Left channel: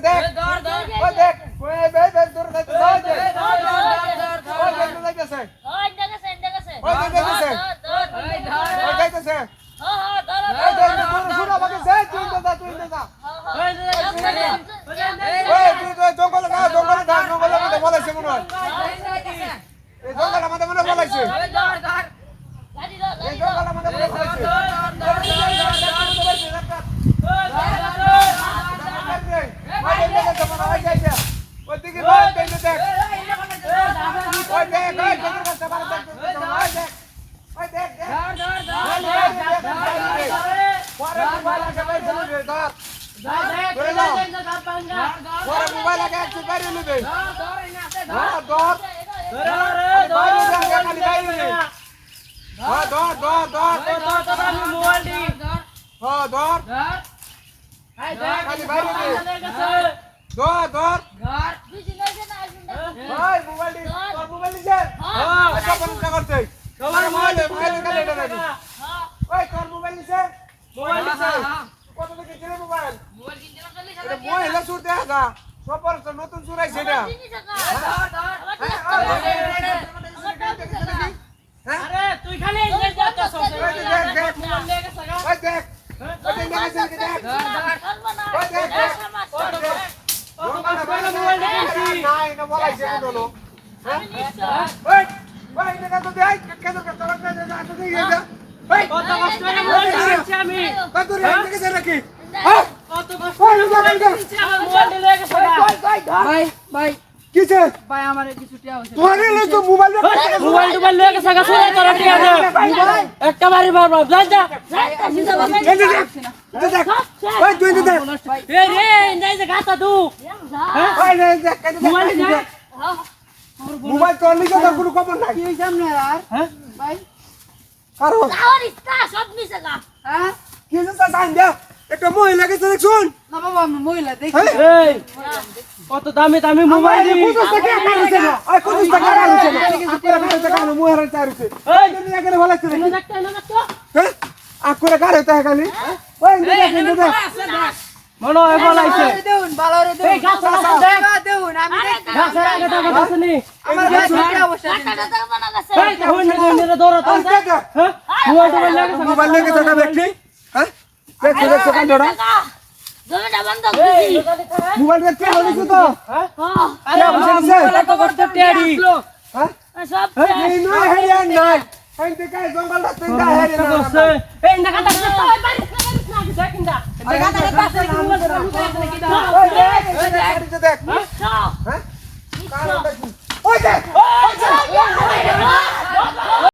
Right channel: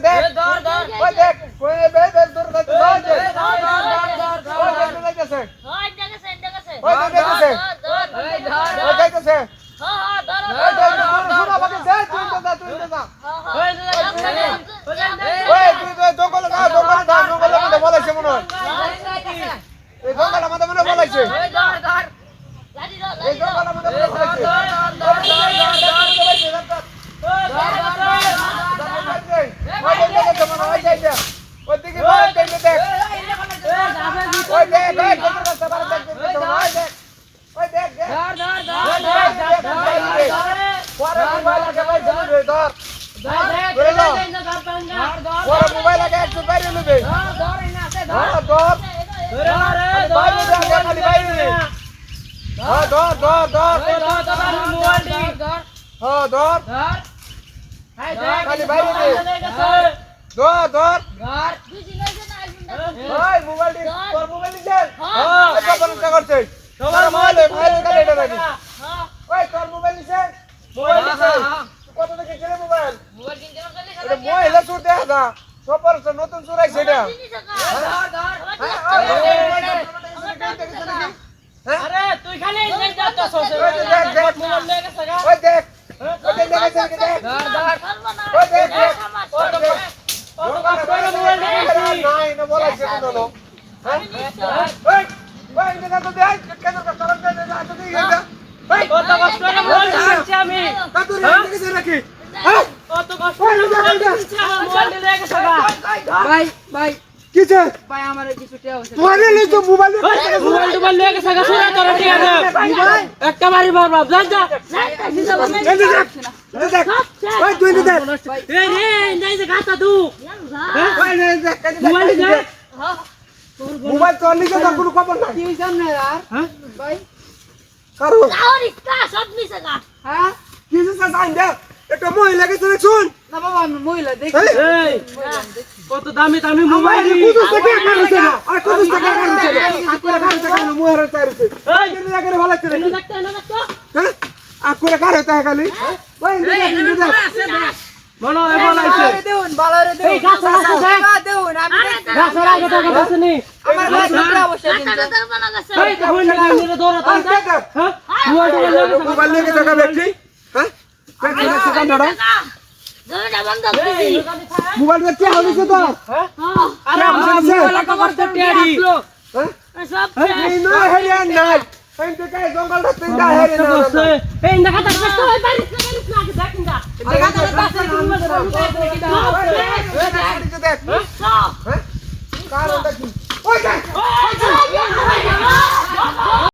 দেখ ওই দেখ ওই বে বে দূর করতে যাও যে ওই দেখতেছে ওই দেখতেছে ওই দেখতেছে ওই দেখ শুনো আমাকে সে তুই দা ওই তুই জঙ্গলে মধ্যে বলাইছে মনে হয় এই জঙ্গলের মধ্যে মনে বলাইছে এই জঙ্গলের মধ্যে মনে বলাইছে ওদিকে মার দেখে দেখ ওই দেখ দেখ ওই দেখ দেখ পরে মোবাইল আগে ভাই চলে ধর পরে মোবাইল আগে একটু বাইরে নেবে হ্যাঁ ধর বাইরে খালি বাইরে হ্যাঁ ধর ধর ধর হ্যাঁ ধর খালি বাইরে দে ধর ধর ভাই মোবাইল তোর মোবাইল নিছে হ্যাঁ আচ্ছা বন্ধ করতে তোমার মোবাইল মোবাইল কাটে এটা নাকি ওই তোর মোবাইল নিছে মোবাইল নিছে কত টাকা কিনে মোবাইল মোবাইল কিনতে গেলে এটা মোবাইল সুর দেখা দা সবার নতুন সুর আইছে এটা আরে তুই খালি ইংলিশ যাচ্ছস ওই দেখ দেখ মোবাইল নিয়ে গেছে ওই দেখ ওই দেখ দেখ ওই দেখ নাই না বলাইছে কোন হ্যাঁ ওই ওই এটা তো দেখ কেন করতে দে না তো দিয়ে যা ভাই কত কষ্ট করে মোবাইল কিনছি আমি কত রে গেছে নাকি হ্যাঁ কত কষ্ট করে মোবাইল কিনছি আমার মোবাইল নিয়ে গেছে ভাই ভাই কিছে ভাই আমারে কিছু টিয়া হইছে তোরে লই তো মোবাইল মোবাইল টোবাইল নিয়ে গেছে সুরা তোর টিয়া দে মোবাইল একটা বাড়ি বাবা যা যা দেখ ওই তুই দেখ রে রে নাই যে গাতা দু ওই দেখ মোবাইল যা মোবাইল তোর নিকে তো কোনো খবর নাই কি হইছে আপনারা হ্যাঁ ভাই কারো और इसका सब मिस का হ্যাঁ কিছে সাঞ্জা একটা মহিলা কে শুন না বাবা আমি মহিলা দেখি এই কত দামি দামি মোবাইল কুদুস থেকে কারুছে না আর কুদুস থেকে কারুছে না আকরে কারুছে কারু মুহার চারুছে এই দিন আগে বলাইছে না দেখতে না দেখতো হ্যাঁ আকরে কারুছে খালি ওই দেখ বলো এ বলাইছে দেউন বালারে দেউন এই গাছ লাগা দেখ দেউন আমি দেখি গাছ লাগা দেখ দেখছনি আমার ভাই টিয়া হইছে कटर बना गसे এই তো হইন না দৌড়া তাই হ্যাঁ মোবাইল টোবাইল নিয়ে গেছে মোবাইল নিয়ে টাকা দেখি হ্যাঁ কে কি দেখছ কান্ডা गमेटा बंद कर মোবাইল কে হলিছে তো হ্যাঁ हां আরে মোবাইল তো করতে টেডি হ্যাঁ सब এই নয় হেরিয়া নাই কাই তে কাই জঙ্গল রাস্তা যা হেরিয়া না এই দেখা দেখতে তো এই বাড়ি না দেখেন যা দেখা দেখতে দেখ हां হ্যাঁ কার দেখি ওই দেখ ओए